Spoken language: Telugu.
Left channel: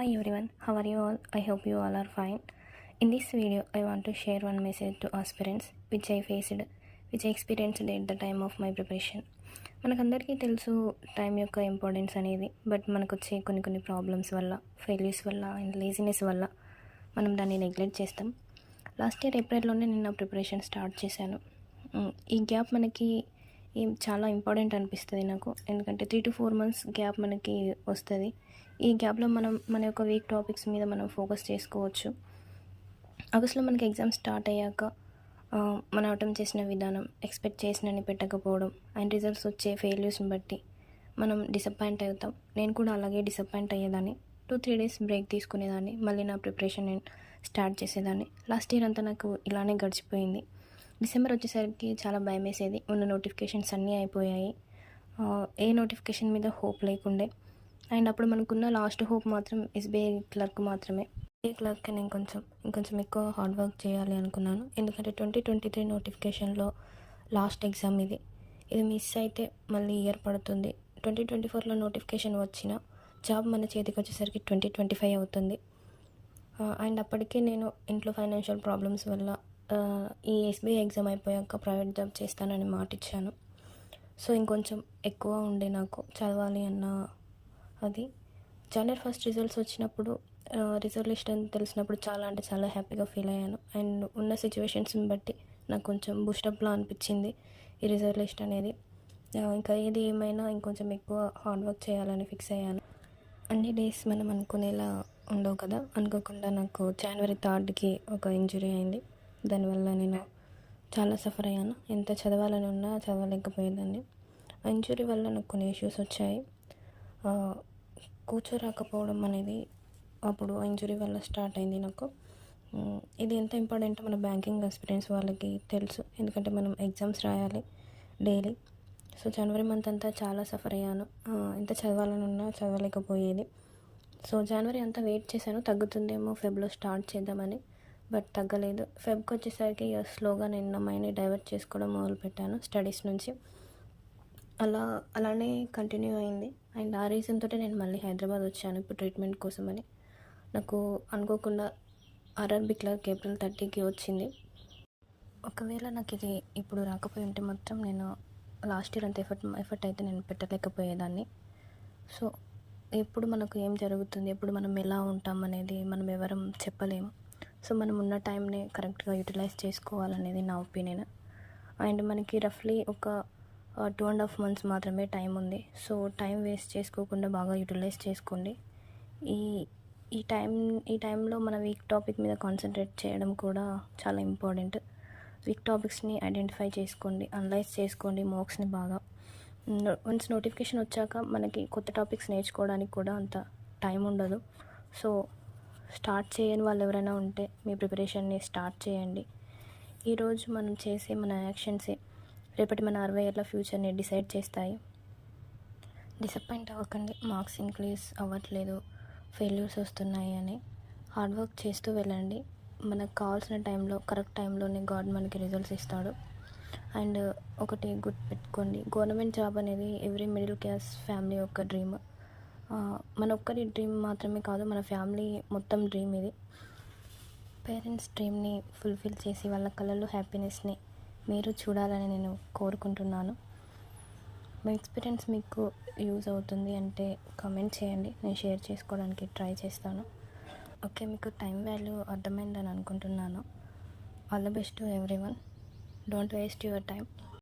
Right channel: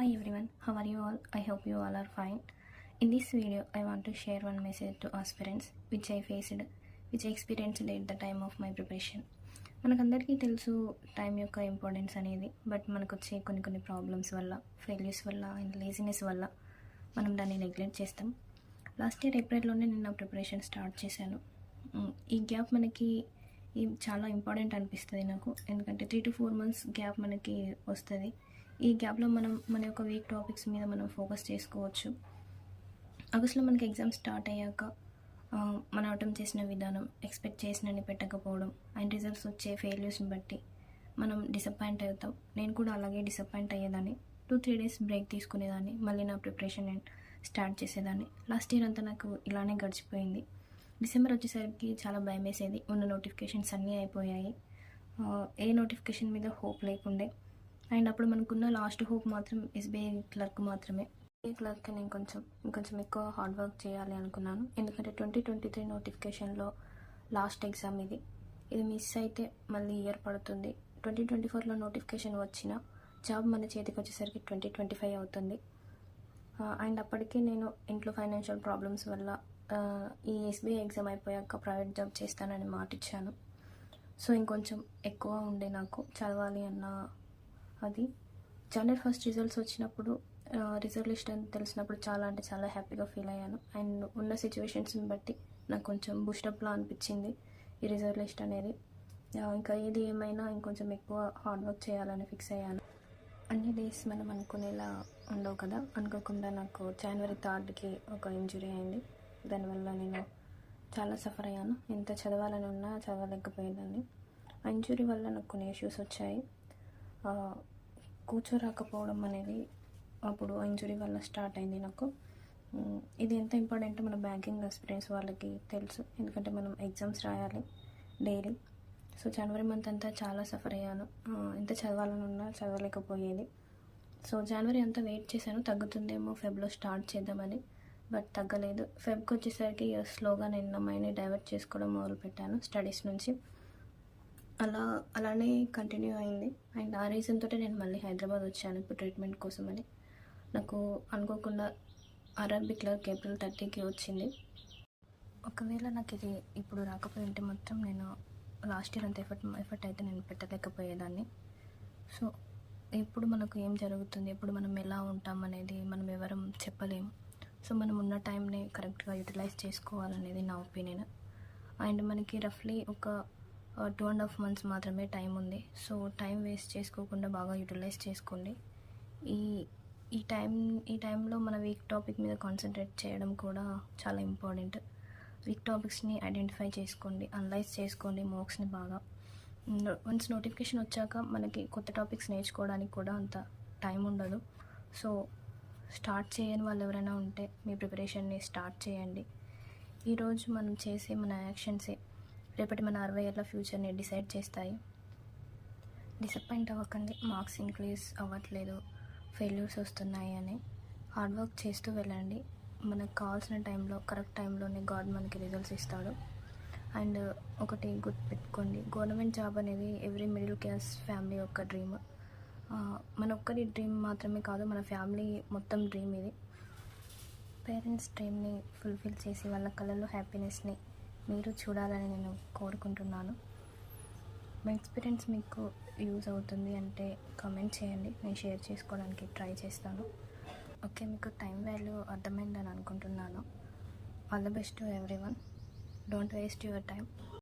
Hi everyone, how are you all? I hope you all are fine. In this video, I want to share one message to aspirants which I experienced at the time of my preparation. మనకందరికీ తెలుసు టైం యొక్క ఇంపార్టెన్స్ అనేది. బట్ మనకు వచ్చే కొన్ని ప్రాబ్లమ్స్ వల్ల, ఫెయిల్యూర్స్ వల్ల అండ్ లేజినెస్ వల్ల మనం దాన్ని నెగ్లెక్ట్ చేస్తాం. లాస్ట్ ఇయర్ ఏప్రిల్లోనే నేను నా ప్రిపరేషన్ స్టార్ట్ చేశాను. ఈ గ్యాప్ మనకి చాలా ఇంపార్టెంట్ అనిపిస్తుంది నాకు. ఎందుకంటే 3 to 4 months గ్యాప్ మనకి వస్తుంది. ఈ గ్యాప్లో మనం మన యొక్క వీక్ టాపిక్స్ మీద మనం ఫోకస్ చేసుకోవచ్చు. ఆగస్ట్లో మనకి ఎగ్జామ్ స్టార్ట్ అయ్యాక మనం అటెంప్ట్ చేసిన విధానం, ఎక్స్పెక్ట్ చేసినని పెట్టకపోవడం అండ్ రిజల్ట్స్ వచ్చే ఫెయిల్యూర్స్ని బట్టి మనం డిసప్పాయింట్ అవుతాం. నేను కూడా అలాగే డిసప్పాయింట్ అయ్యేదాన్ని. 2-3 days బ్రేక్ తీసుకునేదాన్ని, మళ్ళీ నా ప్రిపరేషన్ నేను స్టార్ట్ చేసేదాన్ని. లాస్ట్ ఇయర్ అంతా నాకు ఇలానే గడిచిపోయింది. డిసెంబర్ వచ్చేసరికి చాలా భయం వేసేది. ఉన్న నోటిఫికేషన్స్ అన్నీ అయిపోయాయి. ఏ నోటిఫికేషన్ మీద హోప్ లేకుండే. అండ్ అప్పుడు మనకున్న లాస్ట్ హోప్ మాత్రం ఎస్బీఐ క్లర్క్ మాత్రమే. ఎస్బీఐ క్లర్క్ నేను ఇంకొంచెం ఎక్కువ హార్డ్ వర్క్ చేయాలి అనుకున్నాను. ఎందుకంటే 2023 నోటిఫికేషన్లో లాస్ట్ ఎగ్జామ్ ఇది మిస్ అయితే మళ్ళీ ఇయర్ పడుతుంది. 2024లో నోటిఫికేషన్ వచ్చిన జాబ్ మన చేతికి వచ్చేసరికి 2025 అవుతుంది. అండ్ అప్పటికే నేను ఇంట్లో ఫైనాన్షియల్ ప్రాబ్లమ్స్ వల్ల ఈ ఎస్బీఐ ఎగ్జామ్ అయిపోయాక ప్రైవేట్ జాబ్ చేస్తానని మాట ఇచ్చాను. సో ఇంకొంచెం ఎక్కువ ఉండే నాకు చదవాలి అన్న అది. January 1st రిజల్ట్స్ వచ్చినప్పుడు రిజల్ట్ లిస్ట్ అని తెలిసినప్పుడు చాలా హ్యాపీగా ఫీల్ అయ్యాను. అండ్ ఉన్న సిచ్యువేషన్స్ని బట్టి నాకు కొంచెం బూస్టప్లా అనిపించింది ఈ రిజల్ట్ లిస్ట్ అనేది. ఇంకా ఏది ఏమైనా ఇంకొంచెం ఎక్కువ హార్డ్ వర్క్ చేయాలని ఫిక్స్ అయ్యాను. అన్ని డేస్ మనం అనుకునేలా ఉండవు కదా. అనుకోకుండా నాకు January 3కి ఒక ఇంజురీ అయింది. దానివల్ల నేను చాలా సఫర్ అయ్యాను. ఎంత చదవాలని ఉన్నా చదవలేకపోయేదాన్ని. ఆ ఇంజురీ వల్ల నాకు కొన్ని ఇష్యూస్ వచ్చాయి. కూర్చోరాకపోవడం అనేది అప్పుడు ఇంజురీ వల్ల స్టార్ట్ అయింది నాకు. ఇది ఎంత ఇంపార్టెంట్ మన బ్యాంకింగ్ ఎక్స్పీరియన్స్ వాళ్ళకి తెలుసు. ఎందుకంటే మనం ఎగ్జామ్స్ రాయాలి డైలీ. సో జనవరి మంత్ అంతా చాలా సఫర్ అయ్యాను. ఎంత చదవాలని ఉన్నా చదవలేకపోయేది. సో జనవరి అంతా వెయిట్ చేశాను, తగ్గుతుందేమో ఫెబ్లో స్టార్ట్ చేద్దామని. బట్ తగ్గలేదు. ఫెబ్కి వచ్చేసరికి స్లోగా నేను నా మైండ్ని డైవర్ట్ చేసుకోవడం మొదలుపెట్టాను స్టడీస్ నుంచి. అలానే కంటిన్యూ అయింది. అండ్ ఆ రీజన్ తోటే నేను మళ్ళీ హైదరాబాద్ వచ్చాను ఇప్పుడు ట్రీట్మెంట్ కోసమని. నాకు అనుకోకుండా ఆర్ఆర్బీ క్లర్క్ April 30కి వచ్చింది. ఒకవేళ నాకు ఇది ఇప్పుడు రాకపోయి ఉంటే మాత్రం నేను లాస్ట్ ఇయర్ అంత ఎఫర్ట్ అయితే నేను పెట్టలేకపోయేదాన్ని. సో ఎప్పుడు మనకు ఏం జరుగుతుంది, ఎప్పుడు మనం ఎలా ఉంటాం అనేది మనం ఎవరం చెప్పలేము. సో మనం ఉన్న టైంని కరెక్ట్గా యూటిలైజ్ చేసుకోవాలనేది నా ఒపీనియన్. అండ్ మనకి రఫ్లీ ఒక 2.5 months మాత్రమే టైం ఉంది. సో టైం వేస్ట్ చేసుకోకుండా బాగా యూటిలైజ్ చేసుకోండి. ఈ టైంలో మన వీక్ టాపిక్ మీద కాన్సన్ట్రేట్ చేయడం కూడా చాలా ఇంపార్టెంట్. వీక్ టాపిక్స్ని ఐడెంటిఫై చేసుకోండి, అనలైజ్ చేసుకోండి మార్క్స్ని బాగా. వన్స్ నోటిఫికేషన్ వచ్చాక మనకి కొత్త టాపిక్స్ నేర్చుకోవడానికి కూడా అంత టైం ఉండదు. సో స్టార్ట్ చేయని వాళ్ళు ఎవరైనా ఉంటే మీ ప్రిపరేషన్ని స్టార్ట్ చేయండి. ఈరోజు మనం చేసే మన యాక్షన్సే రేపటి మన 60 ఏళ్ళ ఫ్యూచర్ని డిసైడ్ చేస్తాయి. డిసప్పాయింట్ అవ్వకండి. మార్క్స్ ఇంక్రీజ్ అవ్వట్లేదు, ఫెయిల్యూర్స్ వస్తున్నాయి అని హార్డ్ వర్క్ చేస్తూ వెళ్ళండి. మనకు కావాల్సిన టైంలో కరెక్ట్ టైంలోనే గాడ్ మనకి రిజల్ట్స్ ఇస్తాడు. అండ్ ఒకటి గుర్తుపెట్టుకోండి, గవర్నమెంట్ జాబ్ అనేది ఎవ్రీ మిడిల్ క్లాస్ ఫ్యామిలీ యొక్క డ్రీమ్. మన ఒక్కరి డ్రీమ్ మాత్రమే కాదు, మన ఫ్యామిలీ మొత్తం డ్రీమ్ ఇది. పేరెంట్స్ డ్రీమ్ని ఫుల్ఫిల్ చేసి వాళ్ళ కళ్ళల్లో హ్యాపీనెస్ని మీరు చూడాలని నేను కోరుకుంటున్నాను. మా ఎక్స్పీరియన్స్ మీకు యూజ్ అవుతుంది అంటే కామెంట్ చేయండి, నేను షేర్ చేసుకోవడానికి ట్రై చేస్తాను. ఓకే, మీకు టైం వాల్యూ అర్థమైందని అనుకుంటున్నాను. All the best to everyone. Don't waste your time.